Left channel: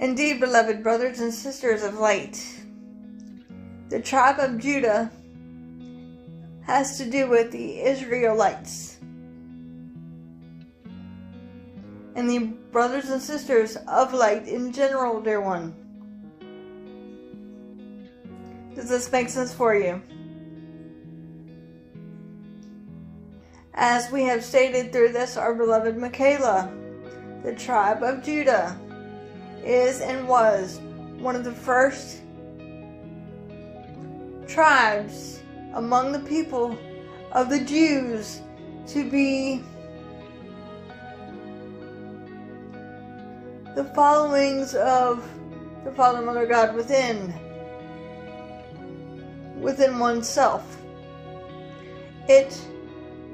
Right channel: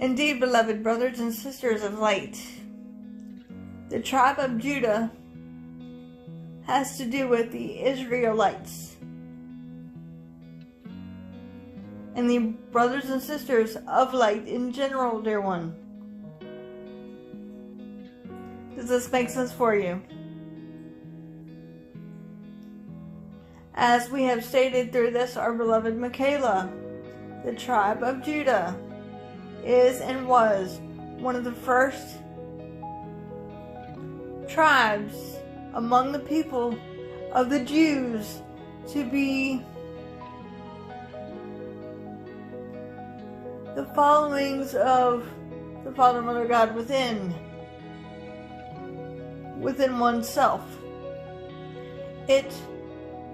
Indeed, beloved brothers and sisters of light, the tribe of Judah has to do with the Israelites. And the brothers and sisters of light in general, dear one. Does this make sense for you? As we have stated through this, our beloved Michaela, the tribe of Judah is and was one of the first tribes among the people of the Jews to be the followings of the Father, Mother, God within oneself. It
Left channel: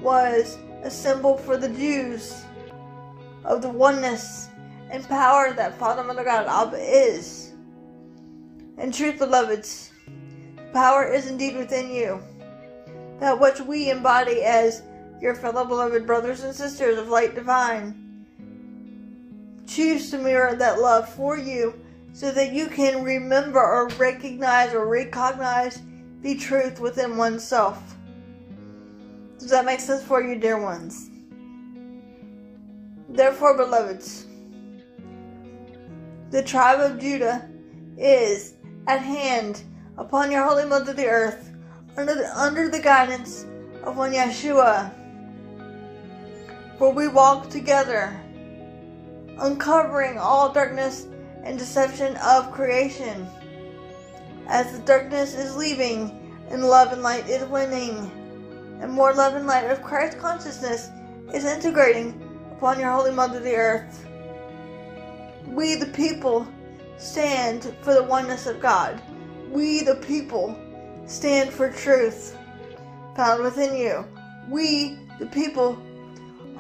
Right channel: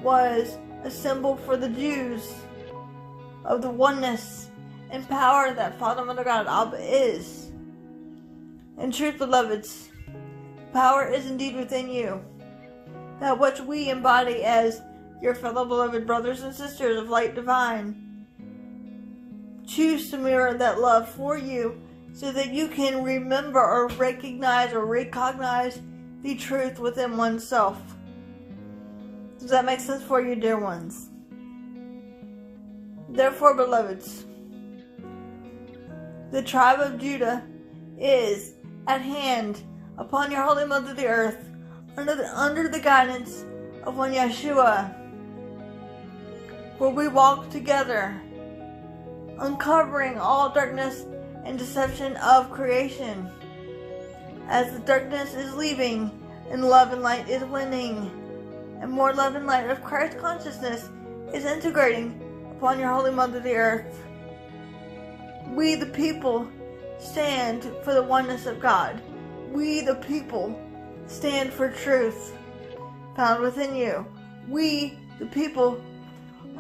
was a symbol for the Jews of the oneness and power that Father, Mother, God, Abba is. In truth, beloveds, power is indeed within you. That which we embody as your fellow beloved brothers and sisters of light divine choose to mirror that love for you so that you can remember or recognize the truth within oneself. Does that make sense for you, dear ones? Therefore, beloveds, the tribe of Judah is at hand upon your holy mother the earth under the guidance of one Yeshua, for we walk together, uncovering all darkness and deception of creation, as the darkness is leaving and love and light is winning, and more love and light of Christ consciousness is integrating upon your holy mother the earth. We the people stand for the oneness of God. We the people stand for truth found within you. We the people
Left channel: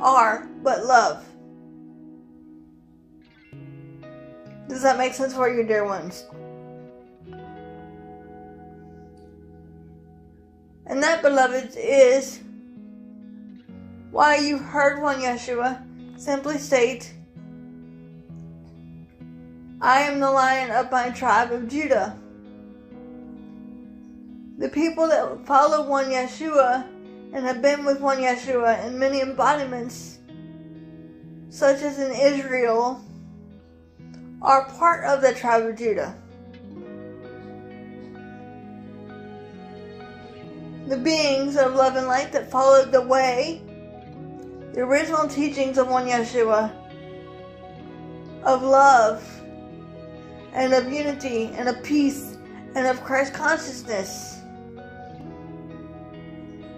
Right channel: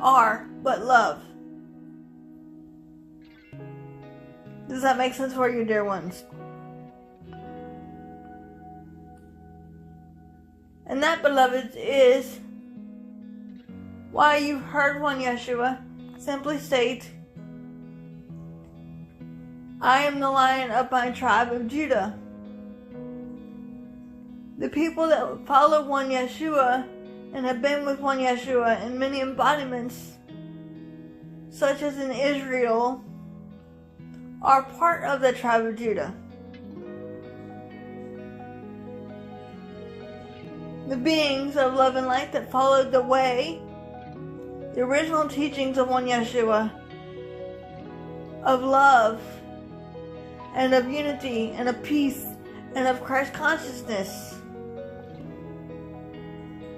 are but love. Does that make sense for you, dear ones? And that, beloveds, is why you heard one Yeshua simply state, I am the Lion of my tribe of Judah. The people that follow one Yeshua and have been with one Yeshua in many embodiments, such as in Israel, are part of the tribe of Judah. The beings of love and light that followed the way, the original teachings of one Yeshua, of love, and of unity, and of peace, and of Christ consciousness,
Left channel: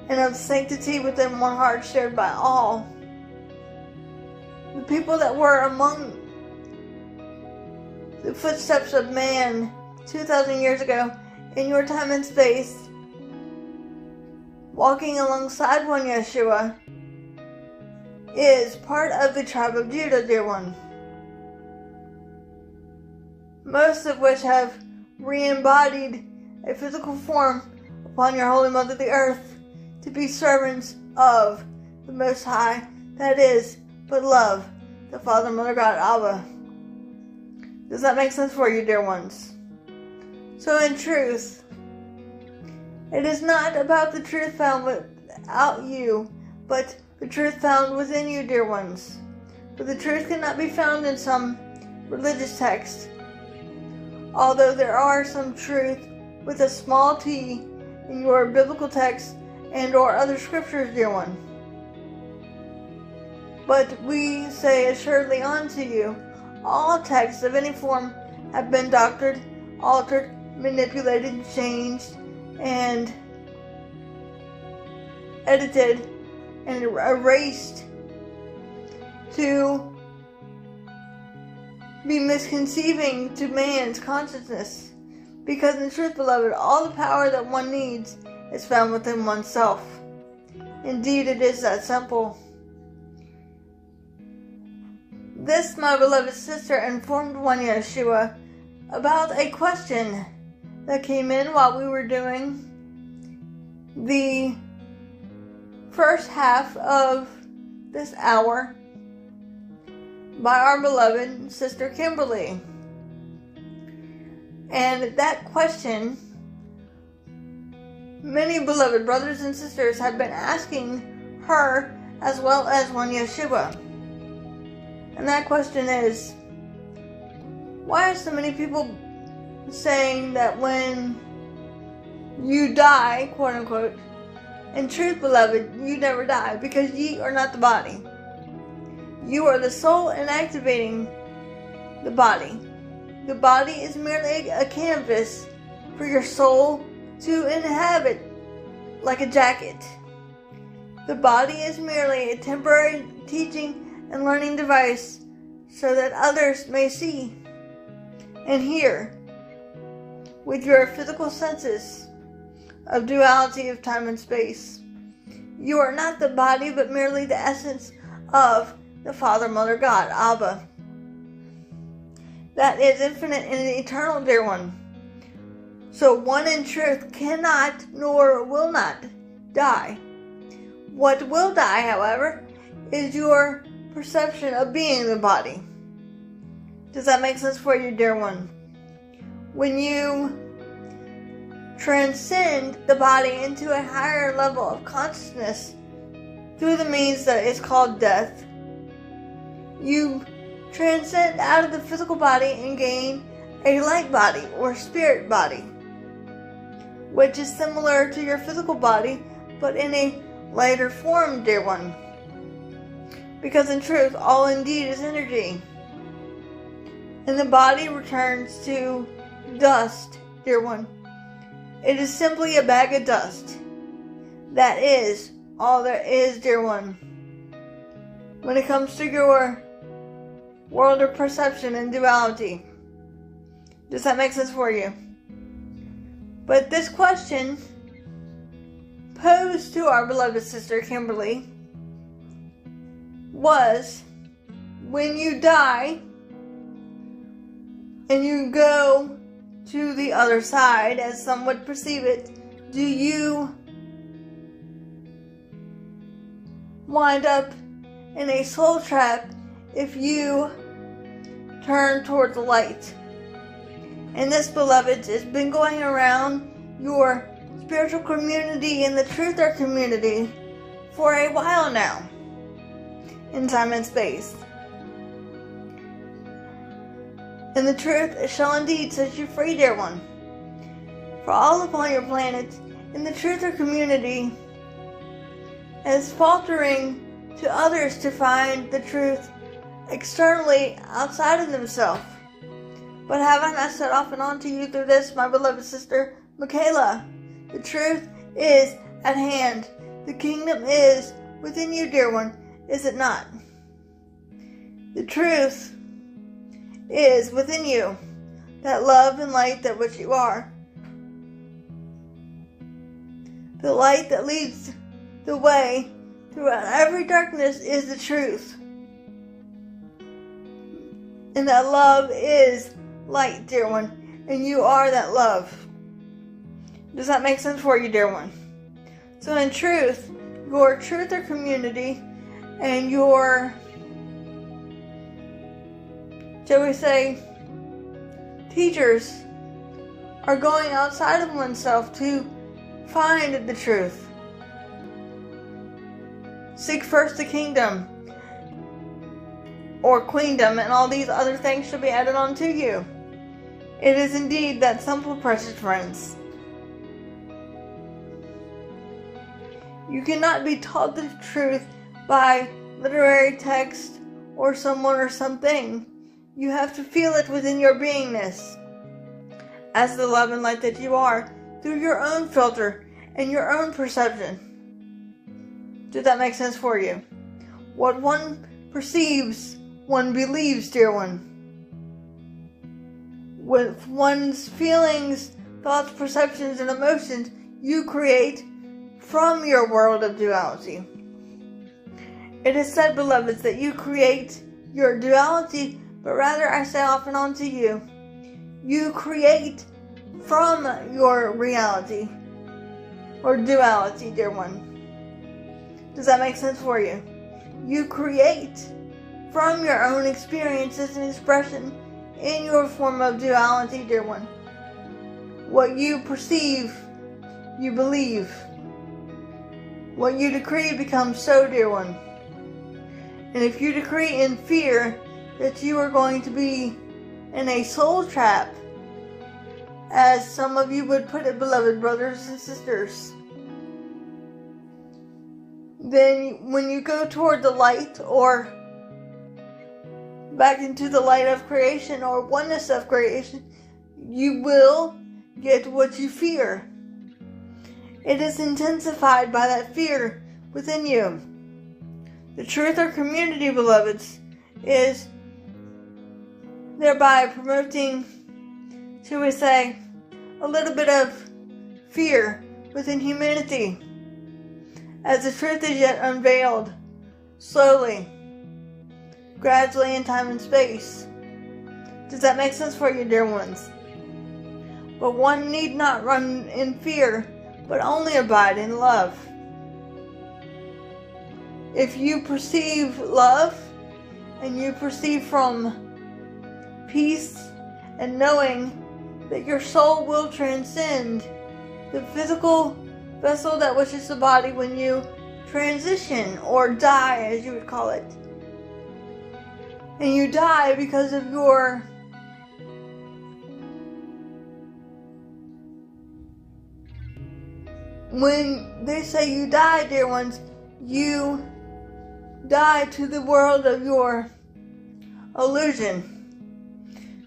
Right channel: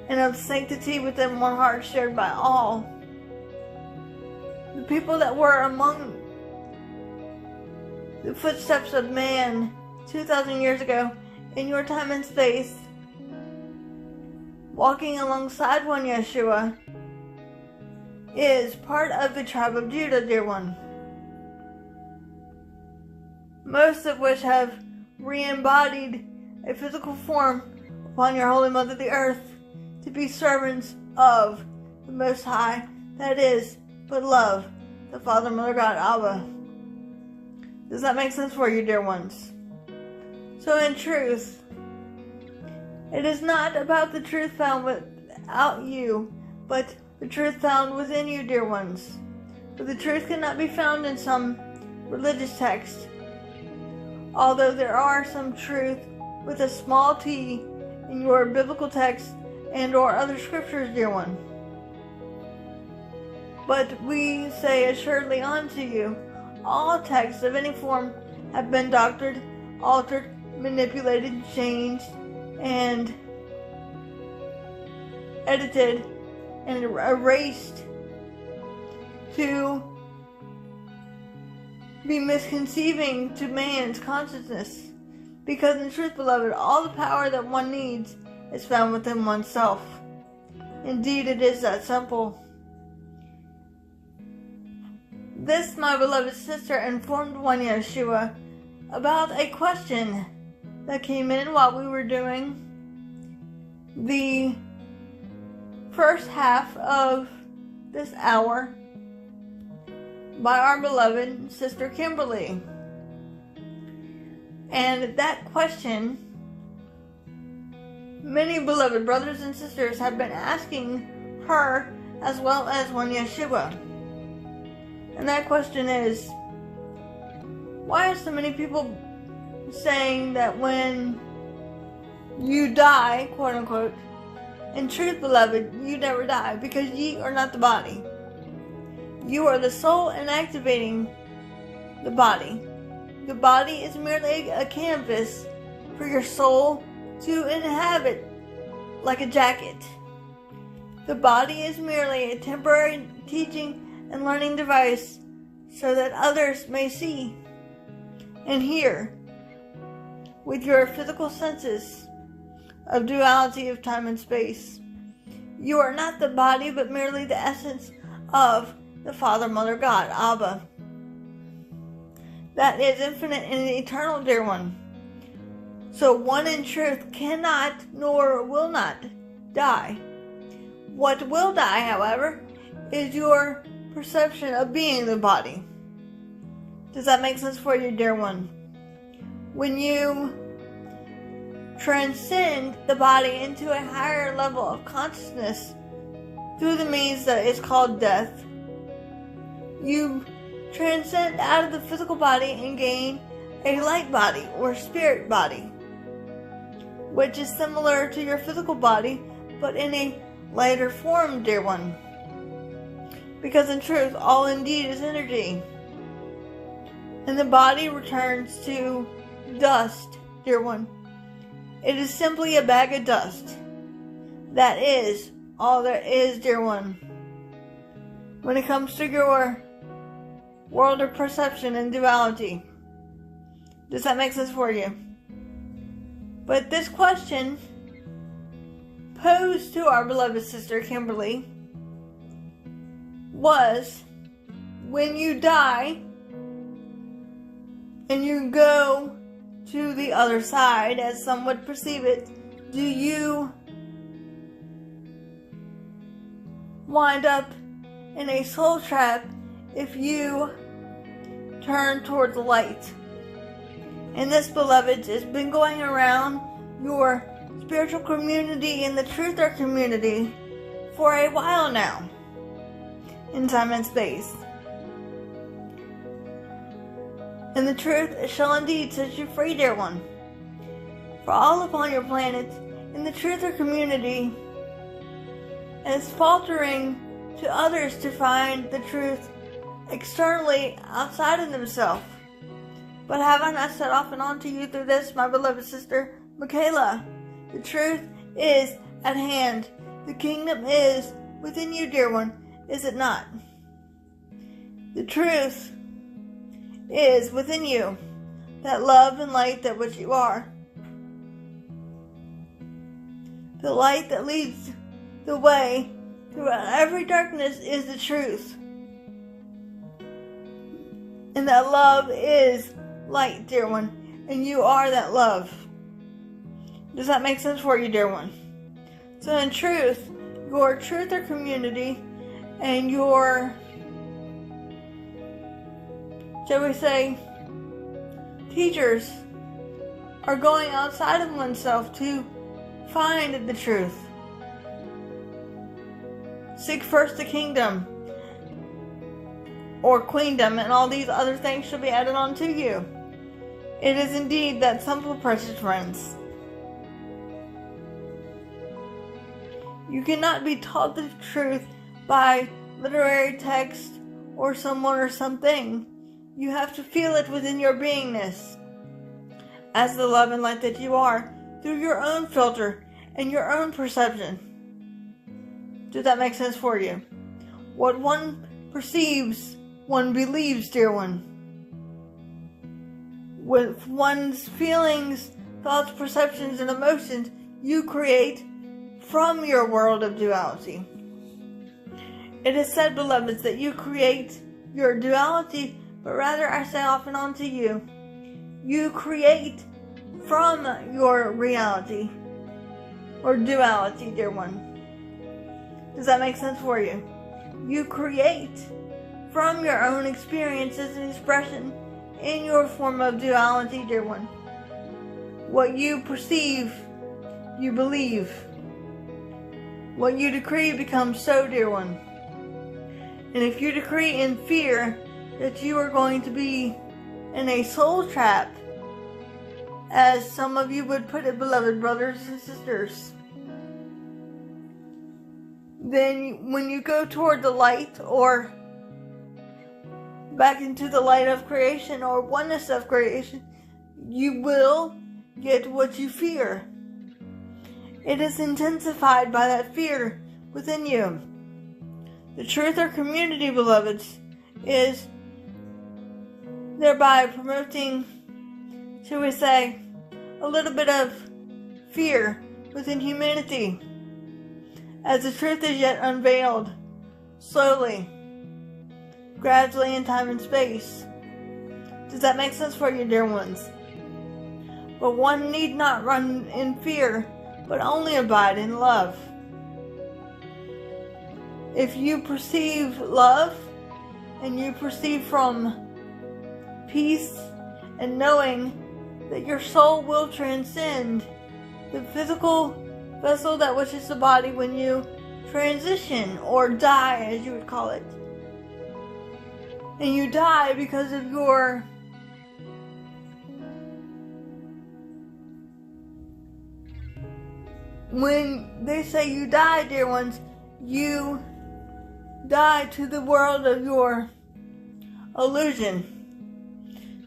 and of sanctity within one heart shared by all. The people that were among the footsteps of man 2,000 years ago in your time and space, walking alongside one Yeshua, is part of the tribe of Judah, dear one. Most of which have re-embodied a physical form upon your holy mother the earth to be servants of the Most High, that is, but love, the Father, Mother, God, Abba. Does that make sense for you, dear ones? So in truth, it is not about the truth found without you, but the truth found within you, dear ones. For the truth cannot be found in some religious text, although there are some truth with a small t in your biblical text and or other scriptures, dear one. But we say assuredly unto you, all texts of any form have been doctored, altered, manipulated, changed, and edited, and erased to be misconceiving to man's consciousness. Because in truth, beloved, all the power that one needs is found within oneself. Indeed, it is that simple. This, my beloved sister, informed one Yeshua about a question that came in while we were doing the first half of this hour by our beloved sister Kimberly. And that question, many beloved brothers and sisters have been asking her, as well as one Yeshua. And that question is, why are so many people saying that when you die, quote unquote, in truth, beloved, you never die, because ye are not the body. You are the soul inactivating the body. The body is merely a canvas for your soul to inhabit, like a jacket. The body is merely a temporary teaching and learning device so that others may see and hear with your physical senses of duality of time and space. You are not the body, but merely the essence of the Father, Mother, God, Abba. That is infinite and eternal, dear one. So one in truth cannot nor will not die. What will die, however, is your perception of being the body. Does that make sense for you, dear one? When you transcend the body into a higher level of consciousness through the means that is called death, you transcend out of the physical body and gain a light body or spirit body, which is similar to your physical body but in a lighter form, dear one. Because in truth, all indeed is energy. And the body returns to dust, dear one. It is simply a bag of dust. That is all there is, dear one. When it comes to your world of perception and duality. Does that make sense for you? But this question posed to our beloved sister Kimberly was, when you die and you go to the other side, as some would perceive it, do you wind up in a soul trap if you turn toward the light? And this, beloved, has been going around your spiritual community and the truther community for a while now, in time and space. And the truth shall indeed set you free, dear one. For all upon your planet, in the truther community, is faltering to others to find the truth externally outside of themselves. But have I not said off and on to you through this, my beloved sister Michaela? The truth is at hand. The kingdom is within you, dear one, is it not? The truth is within you, that love and light that which you are. The light that leads the way throughout every darkness is the truth. And that love is light, dear one, and you are that love. Does that make sense for you, dear one? So in truth, your truther community and your, shall we say, teachers are going outside of oneself to find the truth. Seek first the kingdom or queendom, and all these other things shall be added unto you. It is indeed that simple, precious friends. You cannot be taught the truth by literary text or someone or something. You have to feel it within your beingness, as the love and light that you are, through your own filter and your own perception. Does that make sense for you? What one perceives, one believes, dear one. With one's feelings, thoughts, perceptions, and emotions, you create from your world of duality. It is said, beloveds, that you create your duality, but rather I say off and on to you, you create from your reality, or duality, dear one. Does that make sense for you? You create from your own experiences and expression in your form of duality, dear one. What you perceive, you believe. What you decree becomes so, dear one. And if you decree in fear that you are going to be in a soul trap, as some of you would put it, beloved brothers and sisters, then when you go toward the light, or back into the light of creation, or oneness of creation, you will get what you fear. It is intensified by that fear within you. The truth or community, beloveds, is thereby promoting, shall we say, a little bit of fear within humanity, as the truth is yet unveiled, slowly, gradually in time and space. Does that make sense for you, dear ones? But one need not run in fear, but only abide in love. If you perceive love, and you perceive from peace and knowing that your soul will transcend the physical vessel that which is the body when you transition, or die, as you would call it. And you die because of your when they say you die, dear ones, you die to the world of your illusion,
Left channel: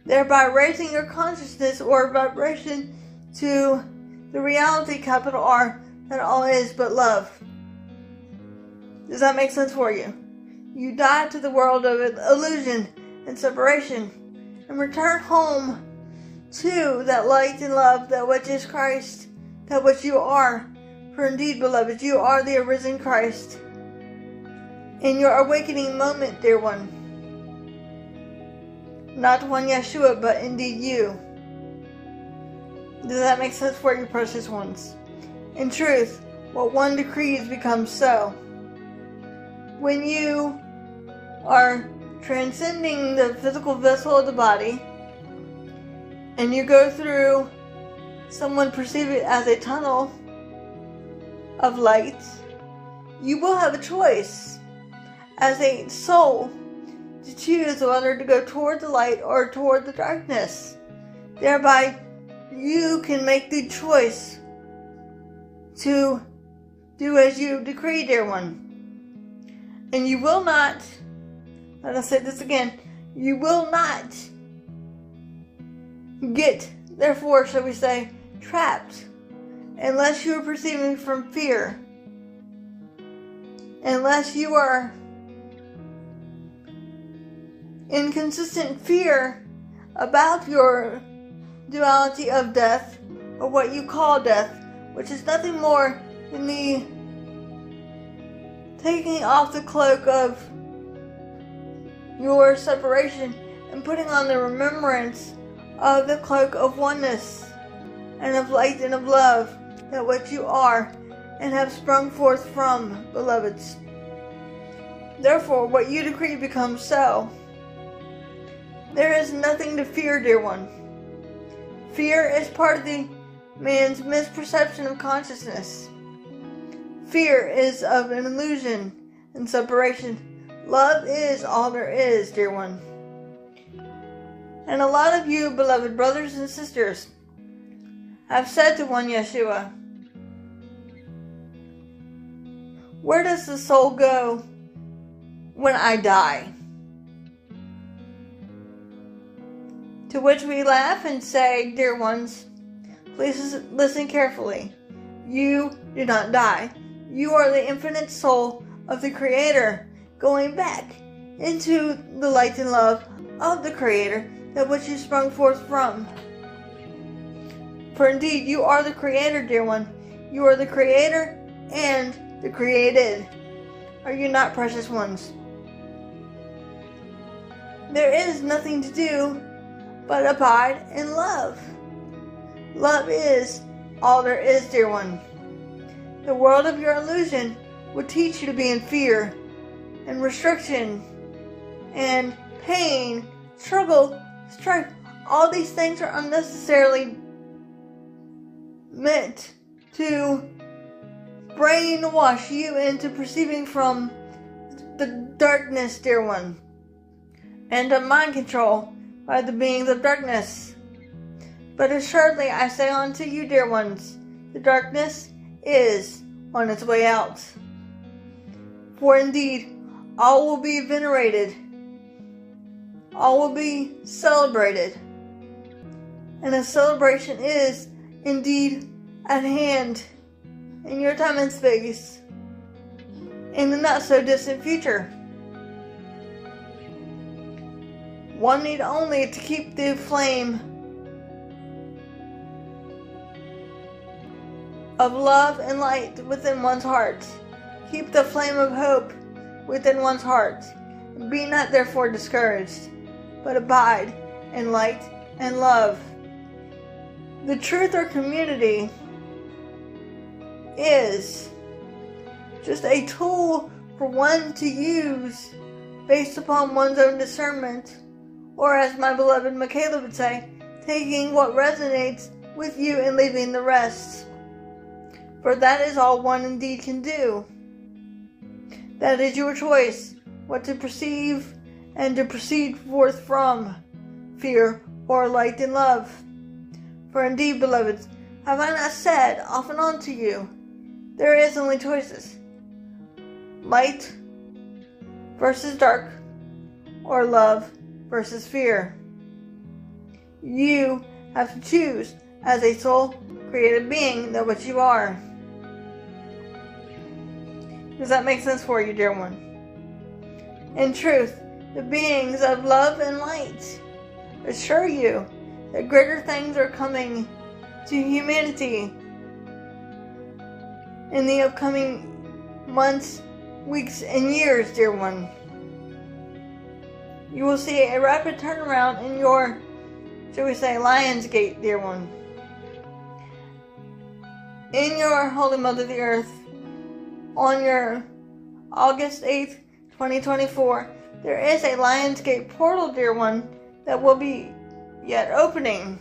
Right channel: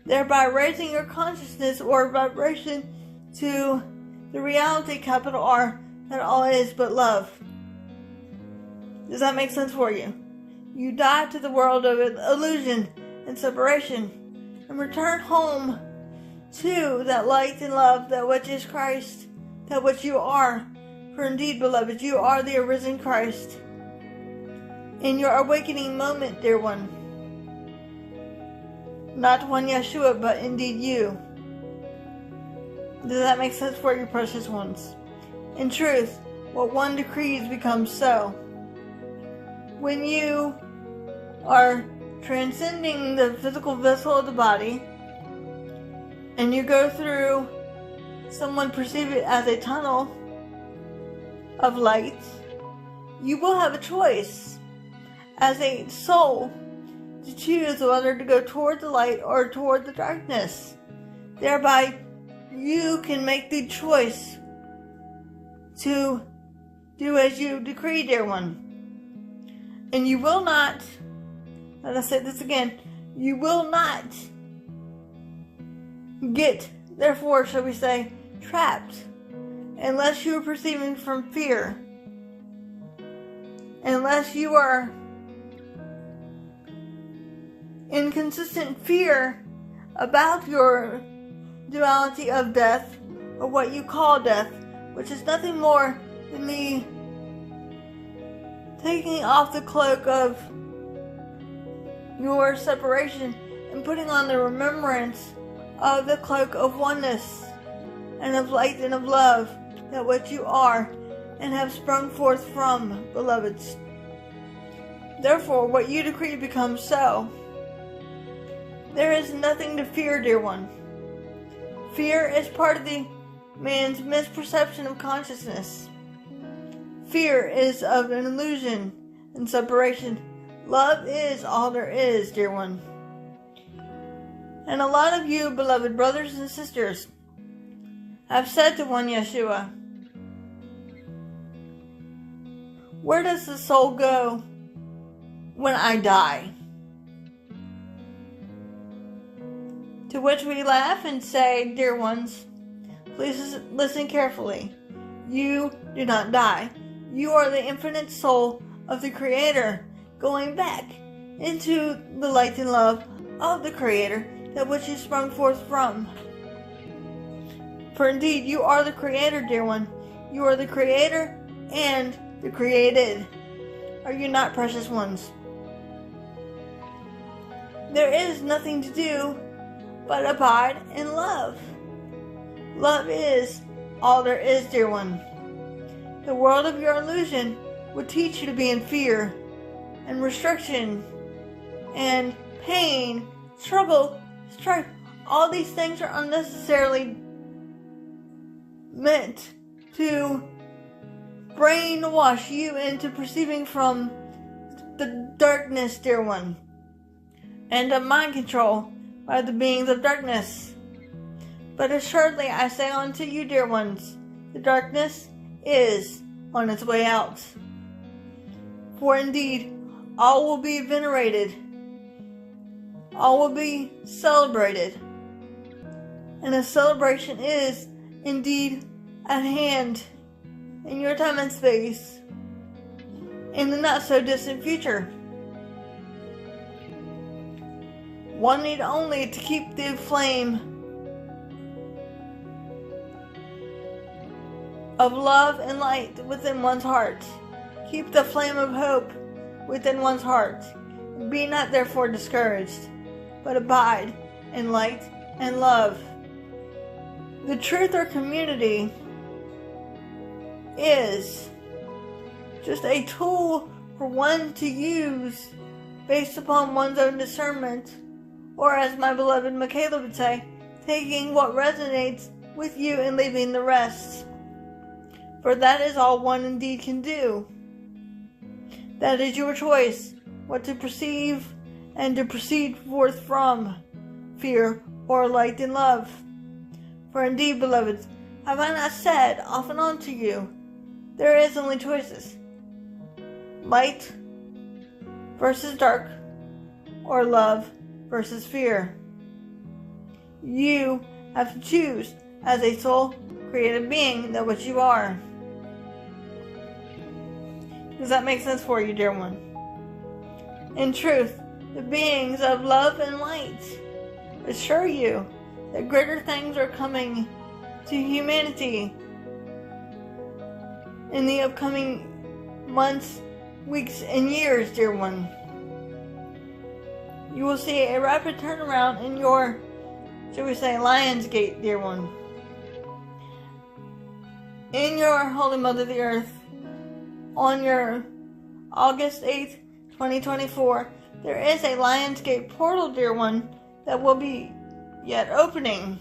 thereby raising your consciousness or vibration to the reality, capital R, that all is but love. Does that make sense for you? You die to the world of illusion and separation, and return home to that light and love, that which is Christ, that which you are. For indeed, beloved, you are the arisen Christ. In your awakening moment, dear one, not one Yeshua, but indeed you. Does that make sense for you, precious ones? In truth, what one decrees becomes so. When you are transcending the physical vessel of the body, and you go through, someone perceive it as a tunnel of light, you will have a choice as a soul to choose whether to go toward the light or toward the darkness. Thereby, you can make the choice to do as you decree, dear one. And you will not, let us say this again, you will not get, therefore, shall we say, trapped, unless you are perceiving from fear, unless you are in consistent fear about your duality of death, or what you call death, which is nothing more than the taking off the cloak of your separation and putting on the remembrance of the cloak of oneness and of light and of love, that what you are and have sprung forth from, beloveds. Therefore, what you decree becomes so. There is nothing to fear, dear one. Fear is part of the man's misperception of consciousness. Fear is of an illusion and separation. Love is all there is, dear one. And a lot of you, beloved brothers and sisters, have said to one Yeshua, where does the soul go when I die? To which we laugh and say, dear ones, please listen carefully. You do not die. You are the infinite soul of the Creator, going back into the light and love of the Creator, that which you sprung forth from. For indeed, you are the Creator, dear one. You are the Creator and the created. Are you not, precious ones? There is nothing to do but abide in love. Love is all there is, dear one. The world of your illusion would teach you to be in fear and restriction and pain, struggle, strife. All these things are unnecessarily meant to brainwash you into perceiving from the darkness, dear one, and of mind control by the beings of darkness. But assuredly I say unto you, dear ones, the darkness is on its way out. For indeed, all will be venerated, all will be celebrated, and a celebration is indeed at hand in your time and space, in the not so distant future. One need only to keep the flame of love and light within one's heart. Keep the flame of hope within one's heart. Be not therefore discouraged, but abide in light and love. The truth or community is just a tool for one to use based upon one's own discernment, or as my beloved Michaela would say, taking what resonates with you and leaving the rest. For that is all one indeed can do. That is your choice, what to perceive and to proceed forth from, fear or light and love. For indeed, beloveds, have I not said often unto you, there is only choices. Light versus dark, or love versus fear. You have to choose as a soul created being that which you are. Does that make sense for you, dear one? In truth, the beings of love and light assure you that greater things are coming to humanity in the upcoming months, weeks, and years, dear one. You will see a rapid turnaround in your, shall we say, Lion's Gate, dear one. In your Holy Mother the Earth, on your August 8th, 2024, there is a Lion's Gate portal, dear one, that will be yet opening,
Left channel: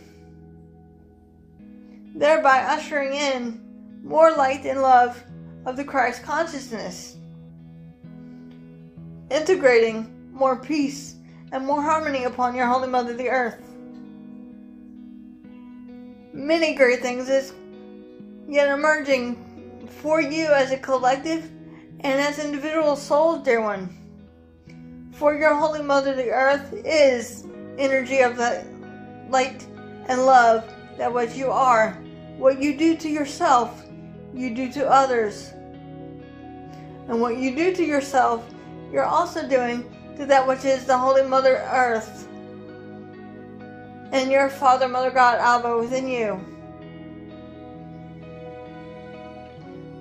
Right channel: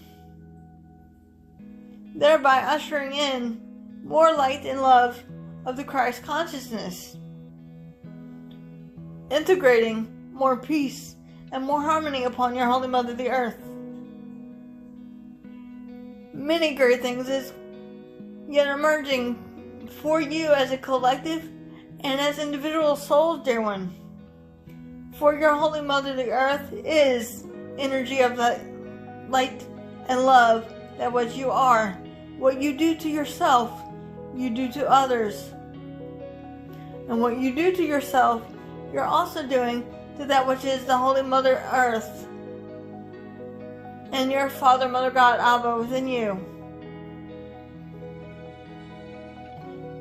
thereby ushering in more light and love of the Christ consciousness, integrating more peace and more harmony upon your Holy Mother the Earth. Many great things is yet emerging for you as a collective and as individual souls, dear one. For your Holy Mother the Earth is energy of the light and love, that what you are. What you do to yourself, you do to others. And what you do to yourself, you're also doing to that which is the Holy Mother Earth and your Father, Mother, God, Abba within you.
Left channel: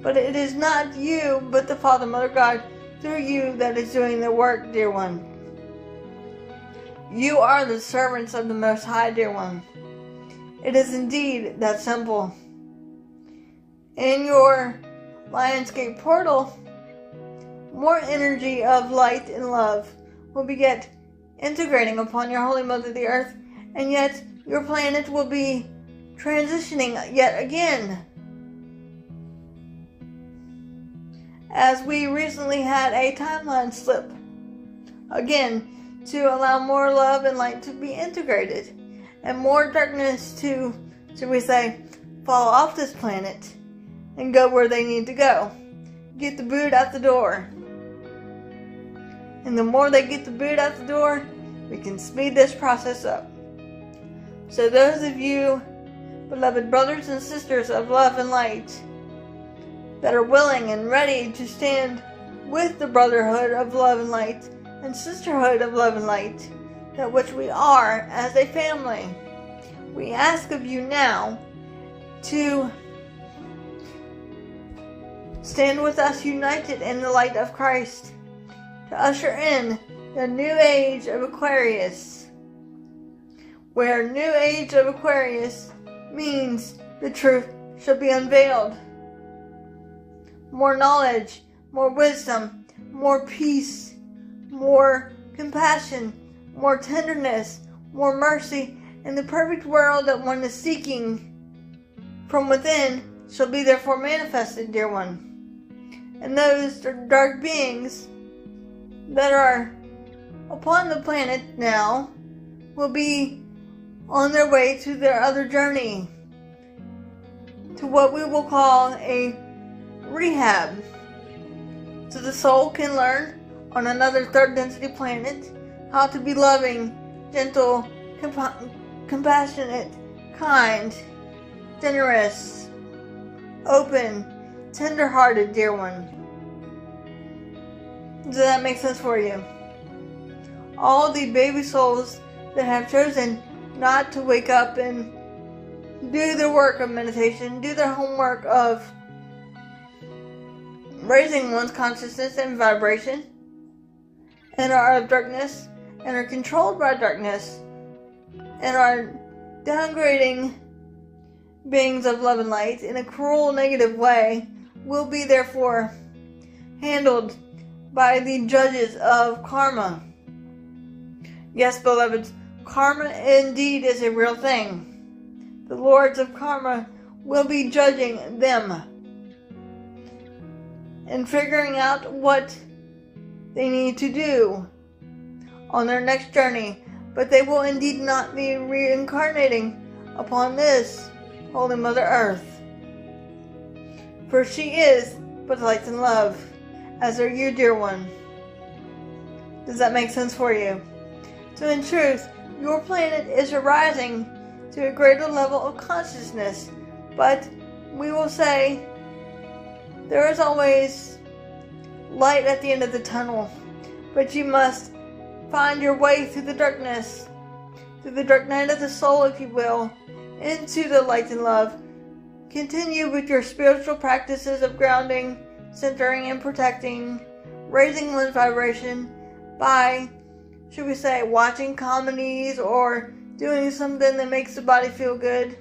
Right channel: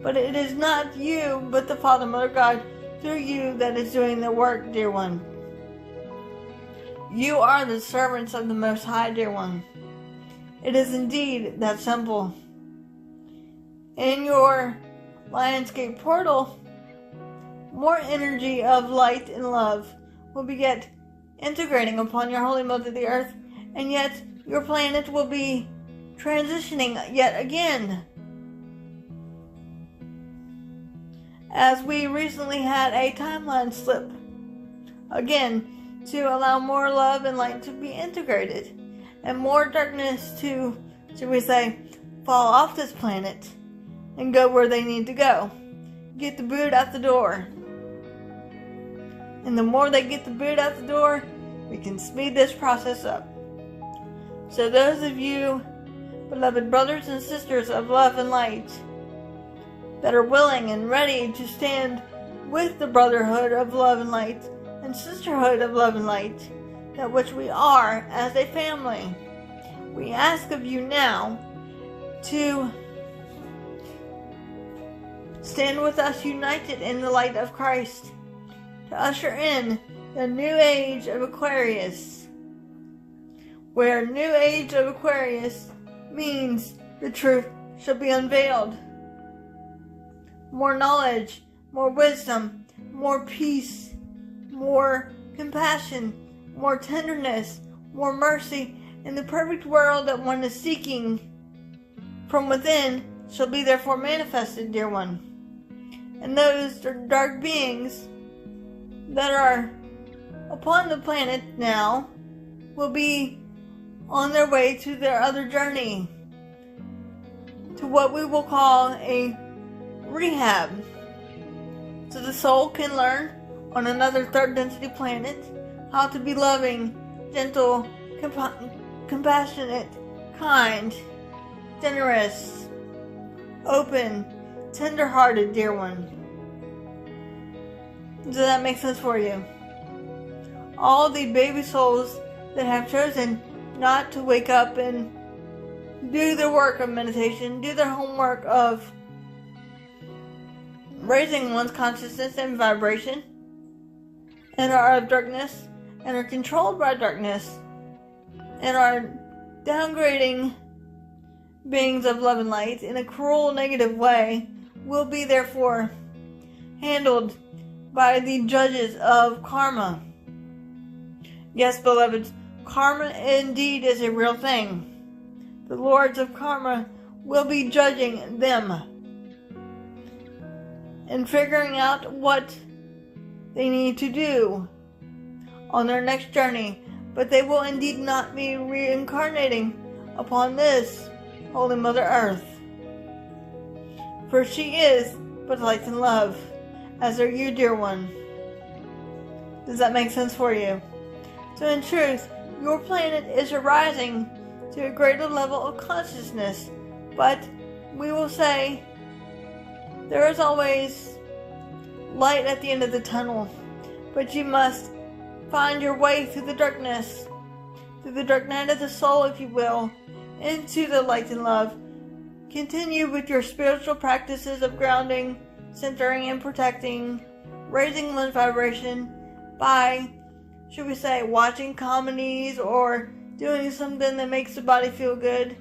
But it is not you, but the Father, Mother, God through you that is doing the work, dear one. You are the servants of the Most High, dear one. It is indeed that simple. In your Lion's Gate portal, more energy of light and love will be yet integrating upon your Holy Mother the Earth, and yet your planet will be transitioning yet again. As we recently had a timeline slip, again, to allow more love and light to be integrated, and more darkness to, should we say, fall off this planet and go where they need to go. Get the boot out the door. And the more they get the boot out the door, we can speed this process up. So those of you, beloved brothers and sisters of love and light, that are willing and ready to stand with the brotherhood of love and light and sisterhood of love and light, that which we are as a family, we ask of you now to stand with us united in the light of Christ, to usher in the new age of Aquarius, where new age of Aquarius means the truth shall be unveiled. More knowledge, more wisdom, more peace, more compassion, more tenderness, more mercy, and the perfect world that one is seeking from within shall be therefore manifested, dear one. And those dark beings that are upon the planet now will be on their way to their other journey, to what we will call a rehab, so the soul can learn on another third density planet how to be loving, gentle, compassionate, kind, generous, open, tender-hearted, dear one. Does that make sense for you? All the baby souls that have chosen not to wake up and do their work of meditation, do their homework of raising one's consciousness and vibration, and are of darkness, and are controlled by darkness, and are downgrading beings of love and light in a cruel, negative way, will be therefore handled by the judges of karma. Yes, beloveds, karma indeed is a real thing. The lords of karma will be judging them and figuring out what they need to do on their next journey, but they will indeed not be reincarnating upon this Holy Mother Earth, for she is but light and love, as are you, dear one. Does that make sense for you? So in truth, your planet is arising to a greater level of consciousness, but we will say there is always light at the end of the tunnel, but you must find your way through the darkness, through the dark night of the soul, if you will, into the light and love. Continue with your spiritual practices of grounding, centering, and protecting, raising one's vibration by, should we say, watching comedies or doing something that makes the body feel good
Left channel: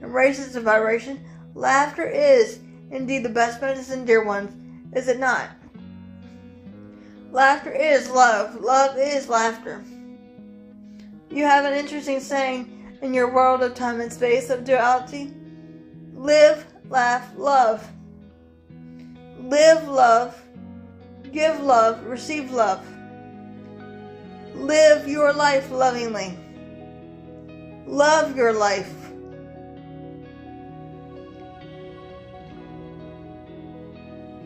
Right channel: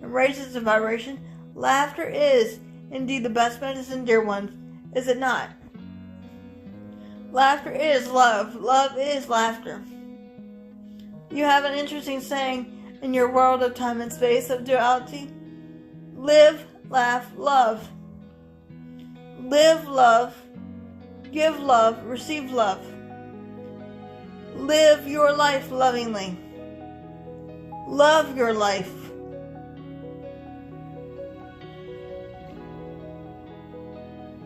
and raises the vibration. Laughter is indeed the best medicine, dear ones, is it not? Laughter is love. Love is laughter. You have an interesting saying in your world of time and space of duality. Live, laugh, love. Live love. Give love. Receive love. Live your life lovingly. Love your life.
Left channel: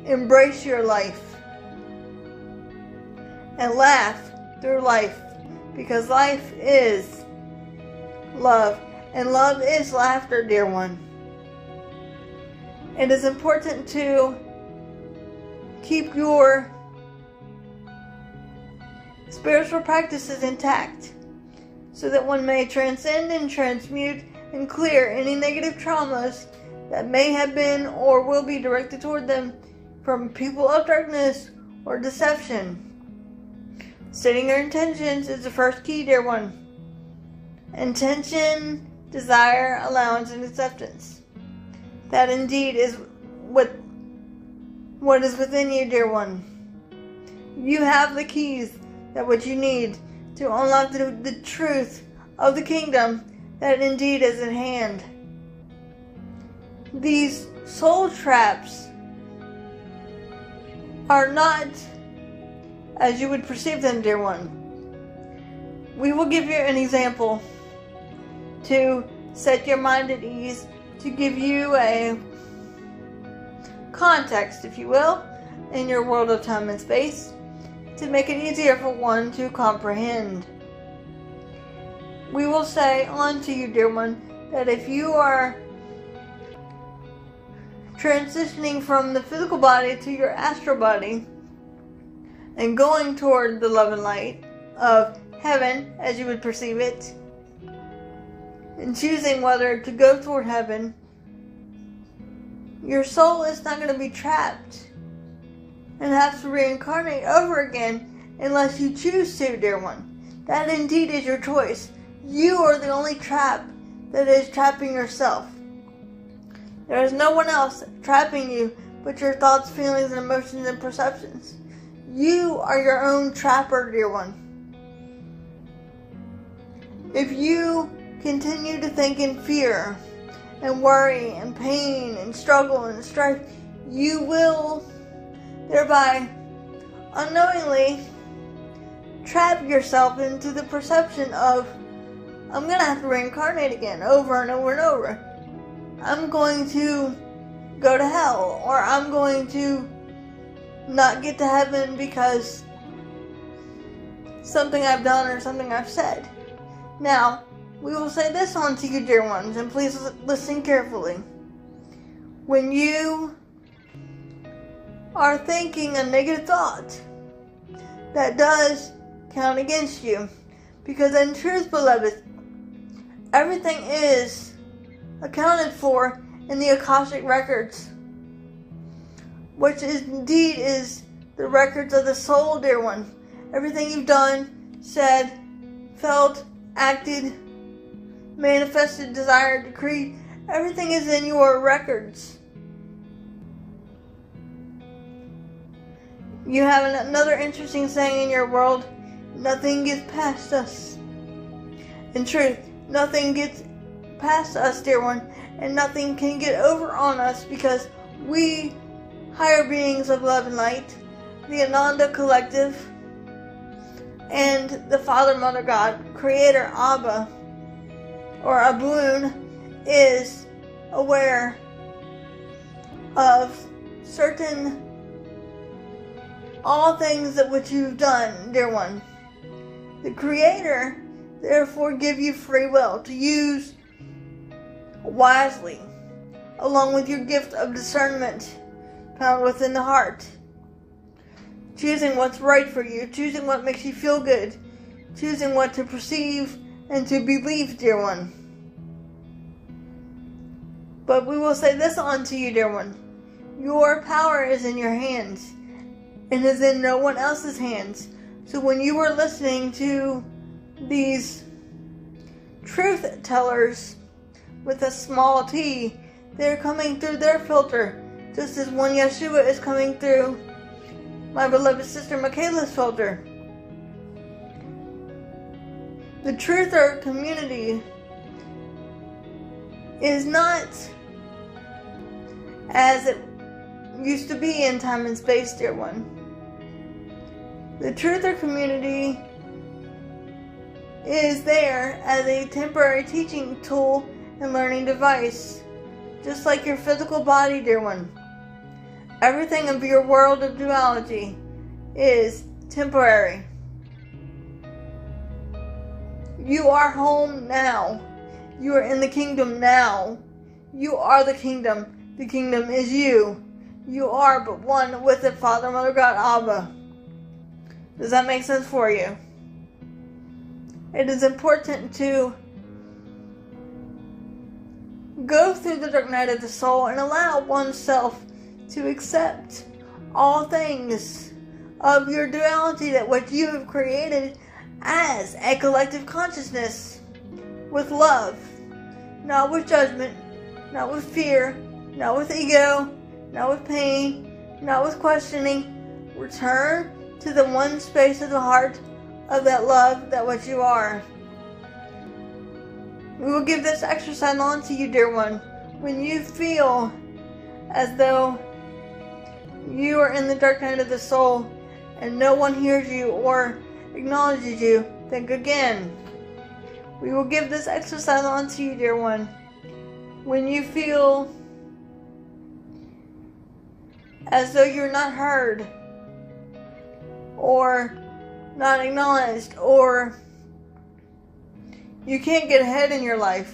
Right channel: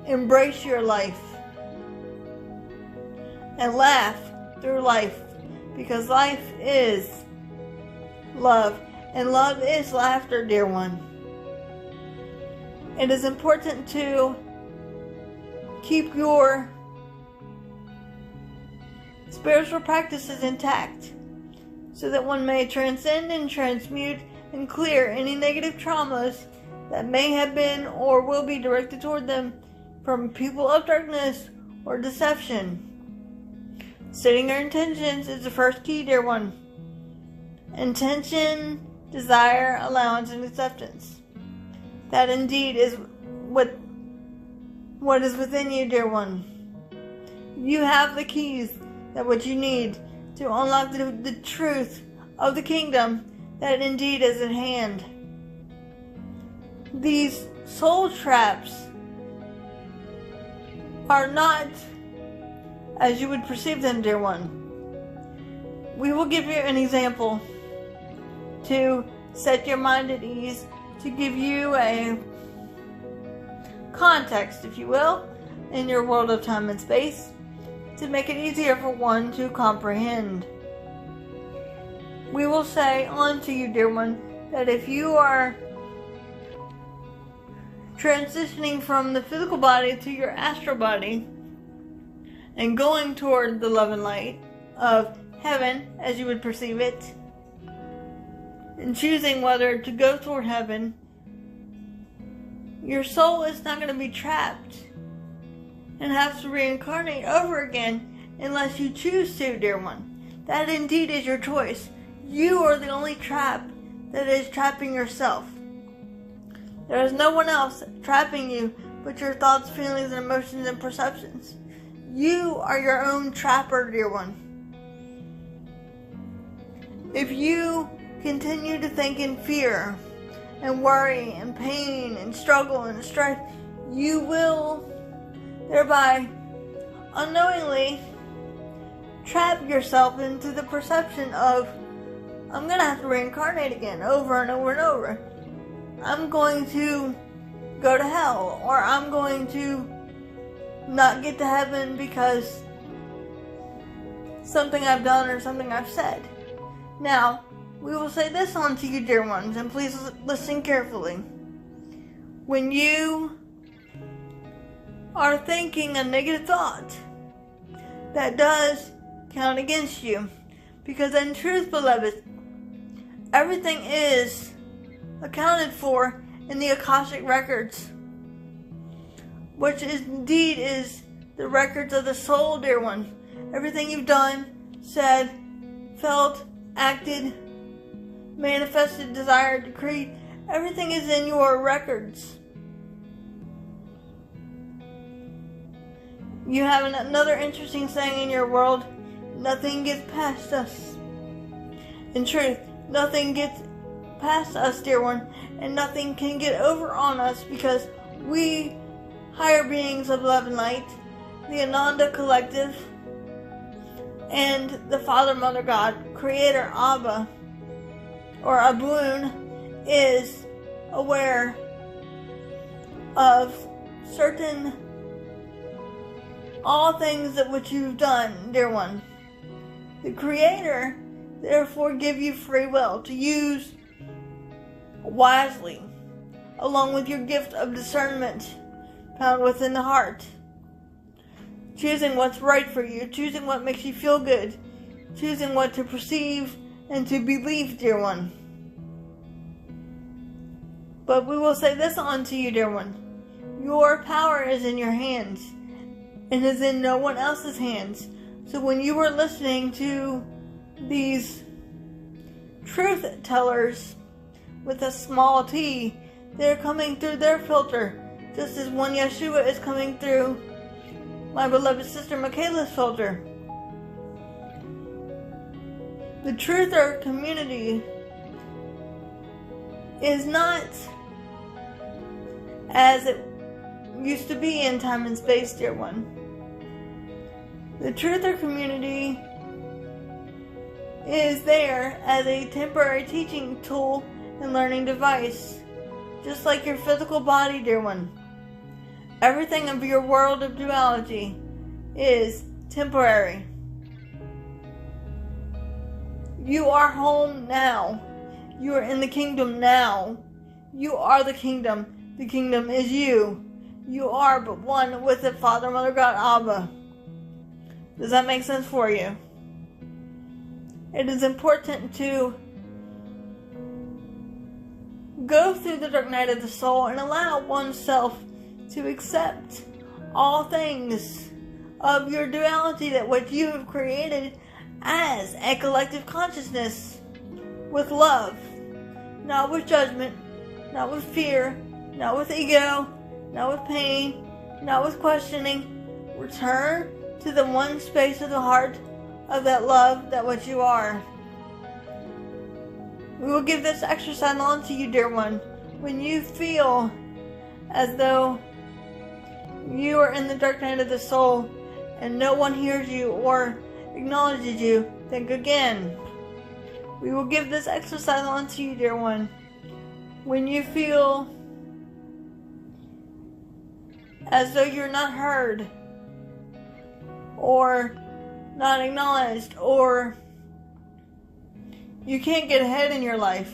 Embrace your life. And laugh through life, because life is love, and love is laughter, dear one. It is important to keep your spiritual practices intact, so that one may transcend and transmute and clear any negative traumas that may have been or will be directed toward them from people of darkness or deception. Stating your intentions is the first key, dear one. Intention, desire, allowance, and acceptance. That indeed is what is within you, dear one. You have the keys that what you need to unlock the truth of the kingdom that indeed is at hand. These soul traps are not as you would perceive them, dear one. We will give you an example to set your mind at ease, to give you a context, if you will, in your world of time and space, to make it easier for one to comprehend. We will say unto you, dear one, that if you are transitioning from the physical body to your astral body, and going toward the love and light of heaven as you would perceive it, and choosing whether to go toward heaven, your soul is not going to be trapped and have to reincarnate over again unless you choose to, dear one. That indeed is your choice. You are the only trap that is trapping yourself. There is no one else trapping you but your thoughts, feelings, and emotions and perceptions. You are your own trapper, dear one. If you continue to think in fear and worry and pain and struggle and strife, you will thereby unknowingly trap yourself into the perception of, I'm going to have to reincarnate again over and over and over. I'm going to go to hell, or I'm going to not get to heaven because something I've done or something I've said. Now, we will say this unto you, dear ones, and please listen carefully. When you are thinking a negative thought, that does count against you. Because in truth, beloved, everything is accounted for in the Akashic records, which indeed is the records of the soul, dear one. Everything you've done, said, felt, acted, manifested, desired, decreed, everything is in your records. You have another interesting saying in your world: nothing gets past us. In truth, nothing gets past us, dear one, and nothing can get over on us, because we, higher beings of love and light, the Ananda Collective, and the Father, Mother, God, Creator, Abba, or Abun, is aware of certain all things that which you've done, dear one. The Creator therefore give you free will to use wisely, along with your gift of discernment found within the heart, choosing what's right for you, choosing what makes you feel good, choosing what to perceive and to believe, dear one. But we will say this unto you, dear one: your power is in your hands, and is in no one else's hands. So when you are listening to these truth tellers with a small t, they're coming through their filter, just as when Yeshua is coming through my beloved sister Michaela's filter. The truther community is not as it used to be in time and space, dear one. The truther community is there as a temporary teaching tool and learning device, just like your physical body, dear one. Everything of your world of duality is temporary. You are home now. You are in the kingdom now. You are the kingdom. The kingdom is you. You are but one with the Father, Mother, God, Abba. Does that make sense for you? It is important to go through the dark night of the soul and allow oneself to accept all things of your duality, that what you have created as a collective consciousness, with love, not with judgment, not with fear, not with ego, not with pain, not with questioning. Return to the one space of the heart of that love, that what you are. We will give this exercise on to you, dear one. When you feel as though you are in the dark night of the soul and no one hears you or acknowledges you, think again. We will give this exercise on to you, dear one. When you feel as though you're not heard, or not acknowledged, or you can't get ahead in your life,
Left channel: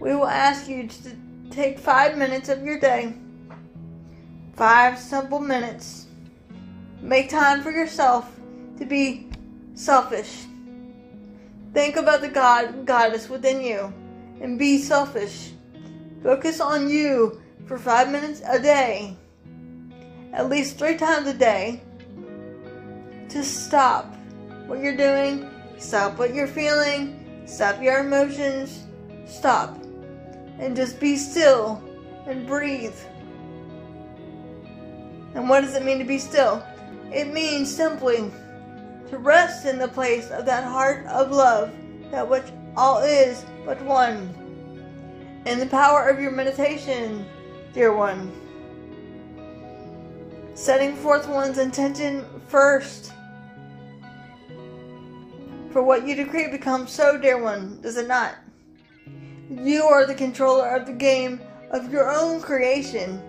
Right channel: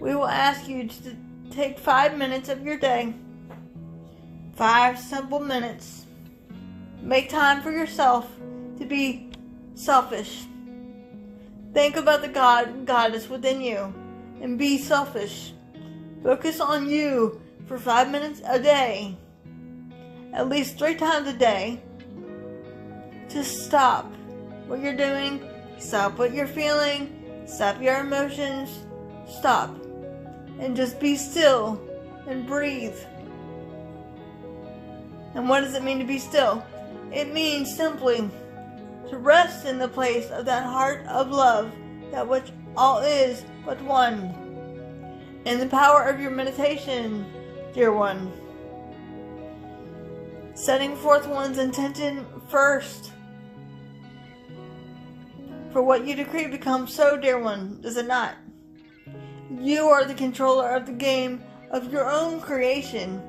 we will ask you to take 5 minutes of your day, 5 simple minutes. Make time for yourself to be selfish. Think about the God and Goddess within you and be selfish. Focus on you for 5 minutes a day, at least 3 times a day. To stop what you're doing, stop what you're feeling, stop your emotions, stop, and just be still and breathe. And what does it mean to be still? It means simply to rest in the place of that heart of love, that which all is but one. in the power of your meditation, dear one. Setting forth one's intention first. For what you decree becomes so, dear one, does it not? You are the controller of the game of your own creation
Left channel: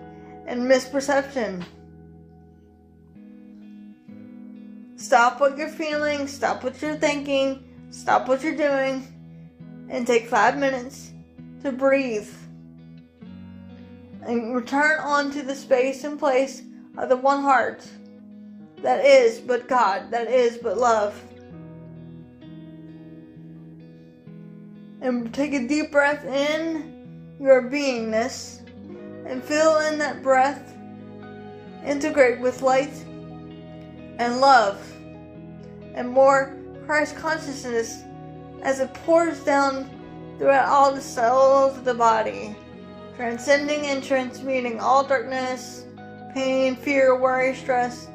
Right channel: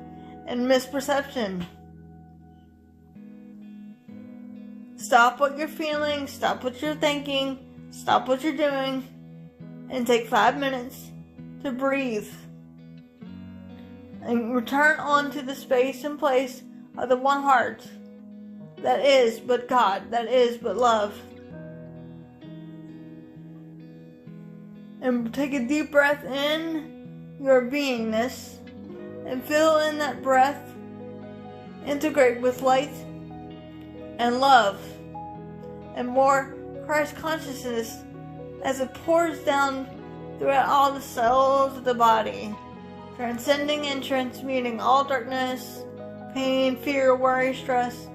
and misperception. Stop what you're feeling, stop what you're thinking, stop what you're doing, and take 5 minutes to breathe. And return on to the space and place of the one heart that is but God, that is but love. And take a deep breath in your beingness and feel in that breath integrate with light and love and more Christ consciousness as it pours down throughout all the cells of the body, transcending and transmuting all darkness, pain, fear, worry, stress,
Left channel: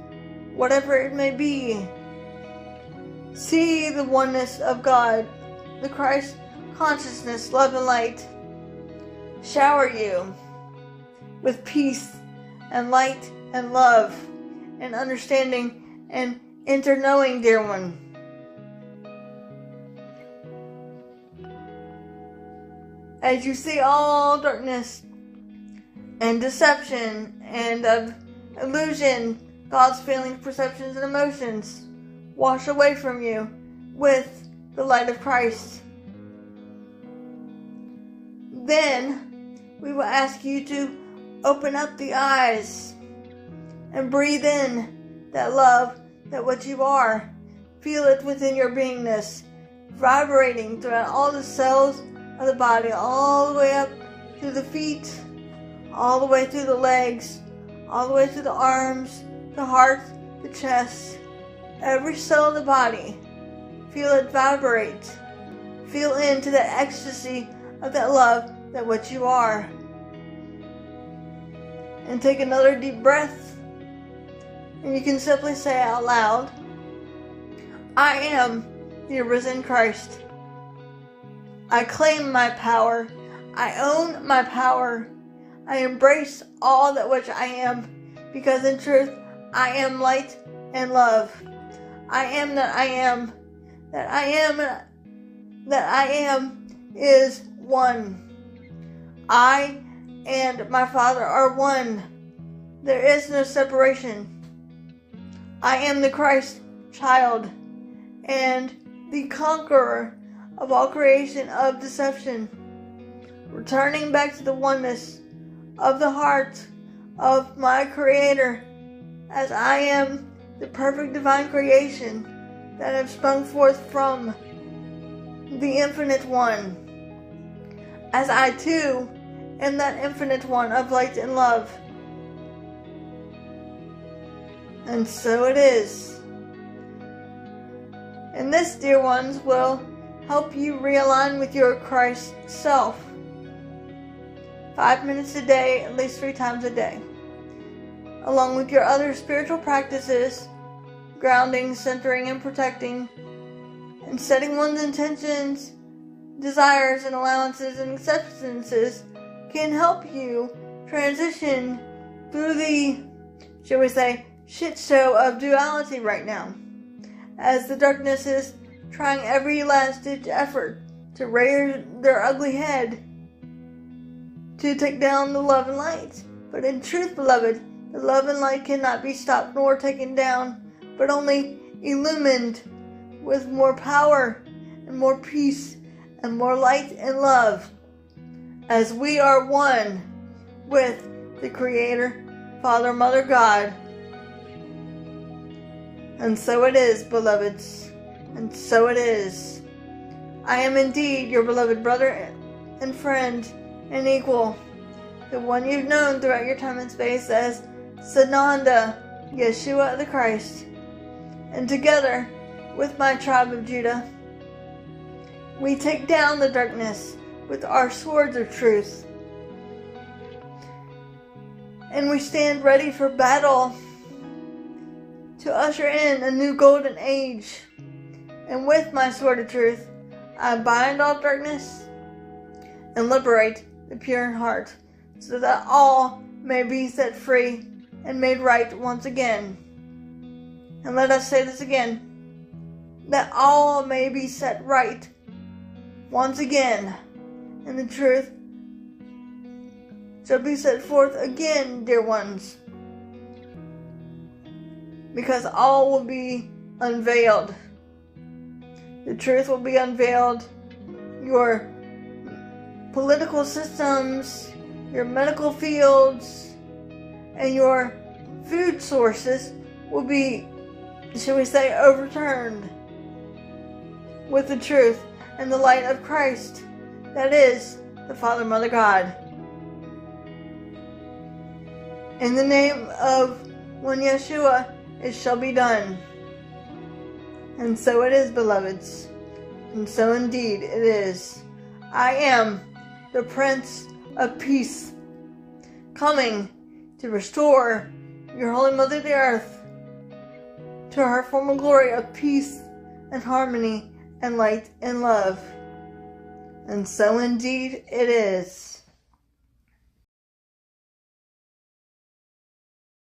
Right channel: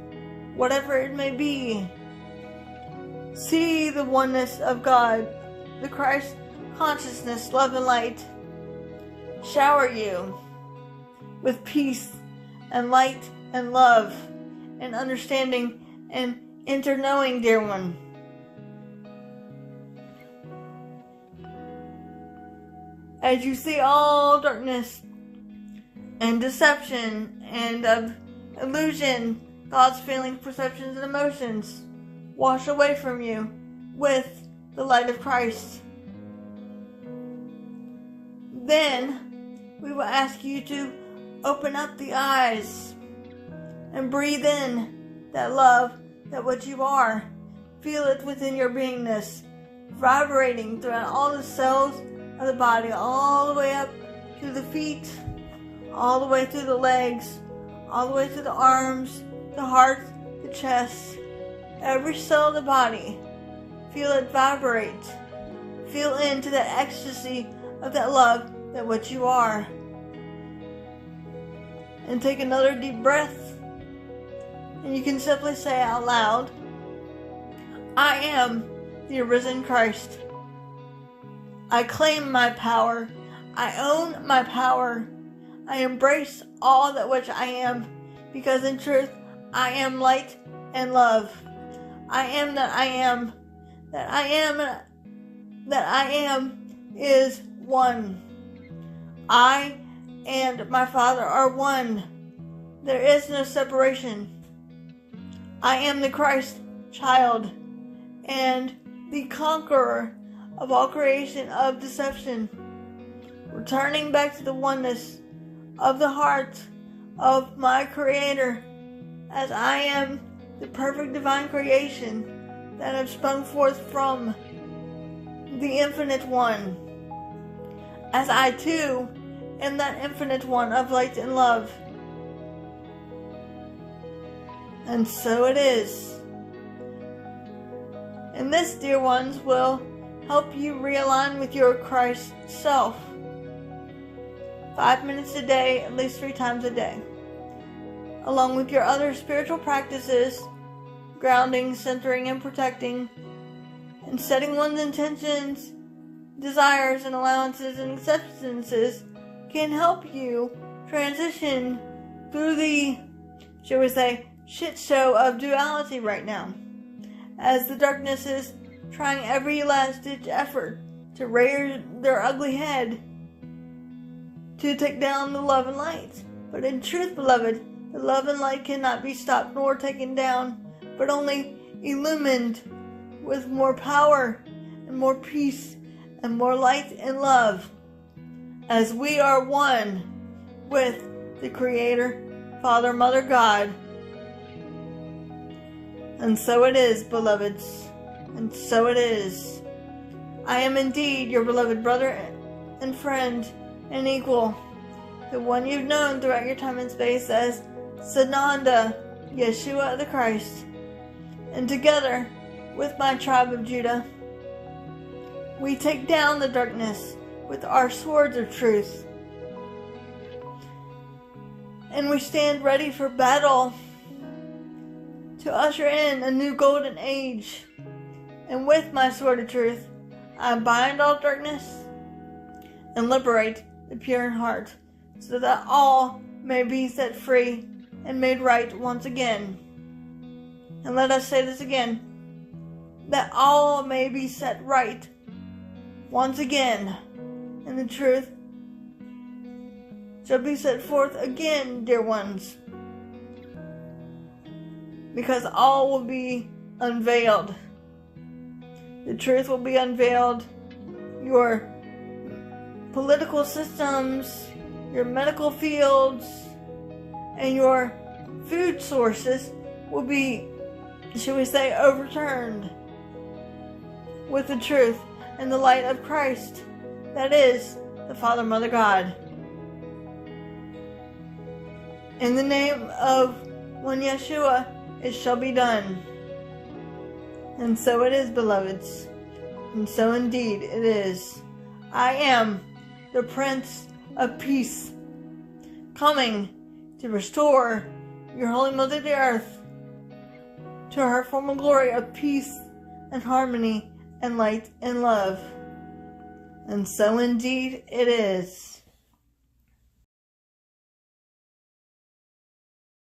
whatever it may be. See the oneness of God, the Christ consciousness, love and light shower you with peace and light and love and understanding and inter-knowing, dear one. As you see all darkness and deception and of illusion, thoughts, feelings, perceptions, and emotions wash away from you with the light of Christ. Then we will ask you to open up the eyes and breathe in that love, that what you are. Feel it within your beingness, vibrating throughout all the cells of the body, all the way up to the feet, all the way through the legs, all the way to the arms, the heart, the chest, every cell of the body. Feel it vibrate. Feel into the ecstasy of that love, that what you are. And take another deep breath. And you can simply say out loud, I am the arisen Christ. I claim my power. I own my power. I embrace all that which I am, because in truth, I am light and love. I am that I am. That I am, that I am is one. I and my Father are one. There is no separation. I am the Christ child and the conqueror of all creation of deception, returning back to the oneness of the heart of my Creator, as I am the perfect divine creation that have sprung forth from the Infinite One, as I too am that Infinite One of light and love. And so it is. And this, dear ones, will help you realign with your Christ self. 5 minutes a day, at least 3 times a day. Along with your other spiritual practices, grounding, centering, and protecting, and setting one's intentions, desires, and allowances and acceptances can help you transition through the, shall we say, shit show of duality right now, as the darkness is trying every last ditch effort to rear their ugly head to take down the love and light. But in truth, beloved, the love and light cannot be stopped nor taken down, but only illumined with more power and more peace and more light and love, as we are one with the Creator, Father, Mother, God. And so it is, beloveds, and so it is. I am indeed your beloved brother and friend and equal, the one you've known throughout your time and space as Sananda, Yeshua the Christ. And together with my tribe of Judah, we take down the darkness with our swords of truth. And we stand ready for battle to usher in a new golden age. And with my sword of truth, I bind all darkness and liberate the pure in heart, so that all may be set free and made right once again. And let us say this again, that all may be set right once again, and the truth shall be set forth again, dear ones, because all will be unveiled. The truth will be unveiled. Your political systems, your medical fields, and your food sources will be, shall we say, overturned with the truth and the light of Christ, that is, the Father, Mother, God. In the name of one Yeshua, it shall be done. And so it is, beloveds. And so indeed it is. I am the Prince of Peace, coming to restore your Holy Mother the Earth to her former glory of peace and harmony and light and love. And so indeed it is.